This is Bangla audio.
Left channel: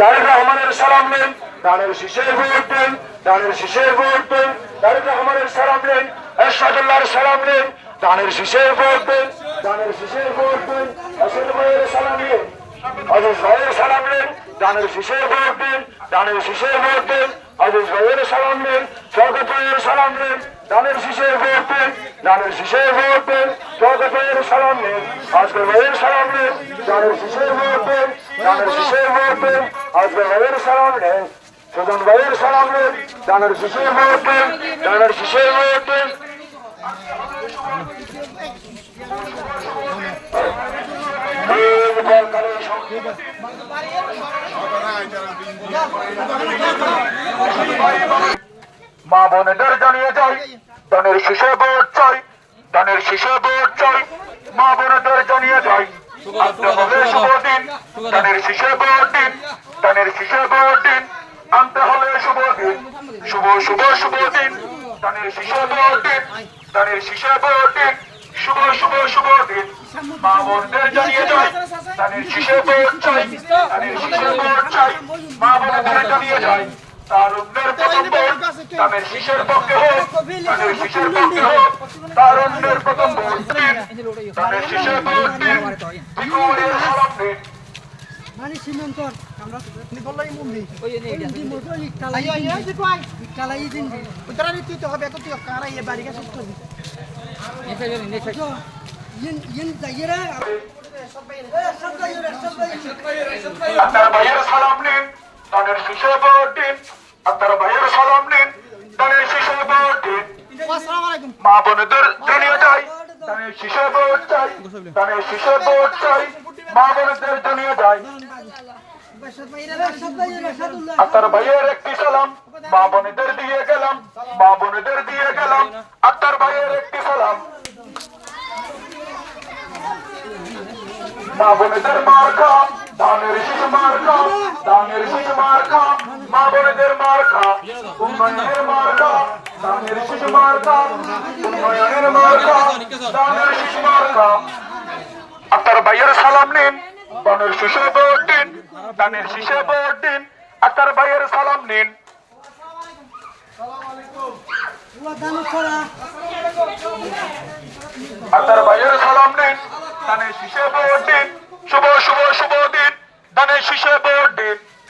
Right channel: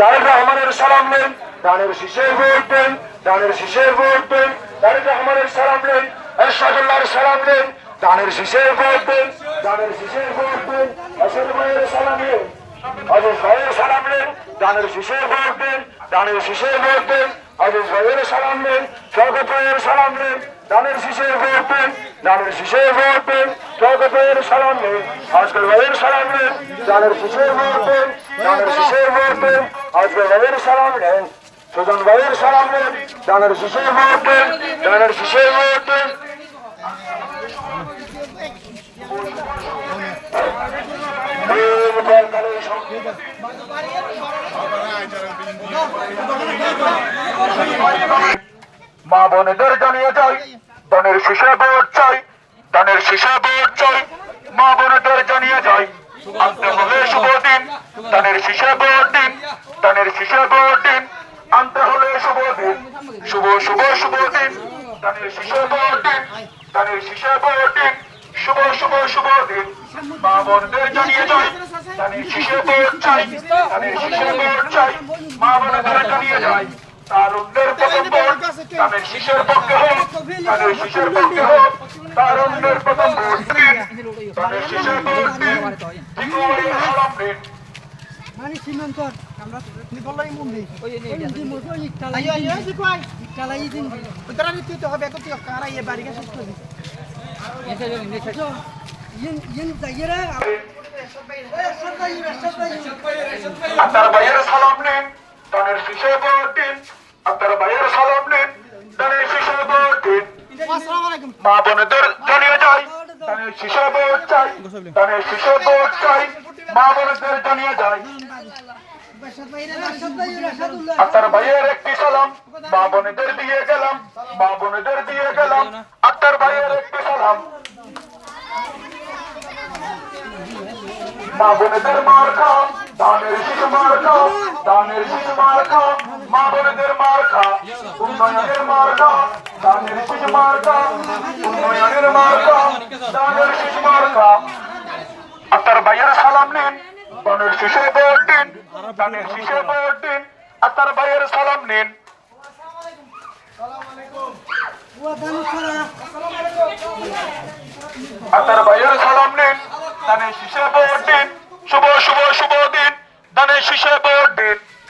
তারেক রহমানের সালাম নেন দানের শিষে ভোট দেন দানের শিষে ভোট দেন, তারেক রহমানের সালাম নেন এরশাদুল্লাহর সালাম নেন দানের শিষে ভোট দেন দানের শিষে ভোট দেন আসল ভাইয়ের সালাম নেন আজ ভাইয়ের সালাম নেন দানের শিষে ভোট দেন দানের শিষে ভোট দেন ভাইয়ের সালাম নেন শওকত ভাইয়ের সালাম নেন, দানের শীষে ভোট দেন, দানের শীষে ভোট দেন ভাইয়ের সালাম নেন আজকের ভাইয়ের সালাম নেন, দানের শীষে ভোট দেন, দানের শীষে ভোট দেন আজকের ভাইয়ের সালাম নেন সুজন ভাইয়ের সালাম নেন, দানের শীষে ভোট দেন, দানের শীষে ভোট মা বোনেদের জানিয়ে যাই, দানের শীষে ভোট চাই, দানের শীষে ভোট চাই, মা বোনেদের জানিয়ে যাই। আনতে শুভ দিন, দানের শীষে ভোট দিন, দানের শীষে ভোট দিন, আনতে হলে শুভ দিন। শুভ শুভ শুভ দিন, দানের শীষে ভোট দিন, দানের শীষে ভোট দিন। শুভ শুভ শুভ দিন। মা বোনদের জানিয়ে যাই শীষে ভোট চাই শীষে ভোট চাই মা বোনদের জানিয়ে যাই। তার অন্যের প্রথম পক্ষে হোক পক্ষে হোক তার প্রথম দিন মানে সীমান্তর আমরা বললাই ওই তুই হবে কত কারা বাড়ি গেছিস আপনার ভাইয়ের ভাইয়ের একটি সালাম মা বোনেদের দিয়ে গেলাম মা বোনেদের দিয়ে গেলাম আপনার ভাইয়ের একটি সালাম মা বোনেদের মার খা দানের শিশু মার খা দানের শিশু মার খা মা বোনেদের মার খা উন্নয়নের মার খা দানের শিশু মার খা উন্নয়নের মার দানের শিশু মার আপনার ভাইয়ের সালাম নিন দানের শিশে ভোট দিন, দানের শিশে ভোট আপনার ভাইয়ের সালাম নিন। আপনার ভাইয়ের সালাম নিন। দানের শিশে ভোট দিন শুভ শুভ শুভ দিন। দানের শিশে ভোট দিন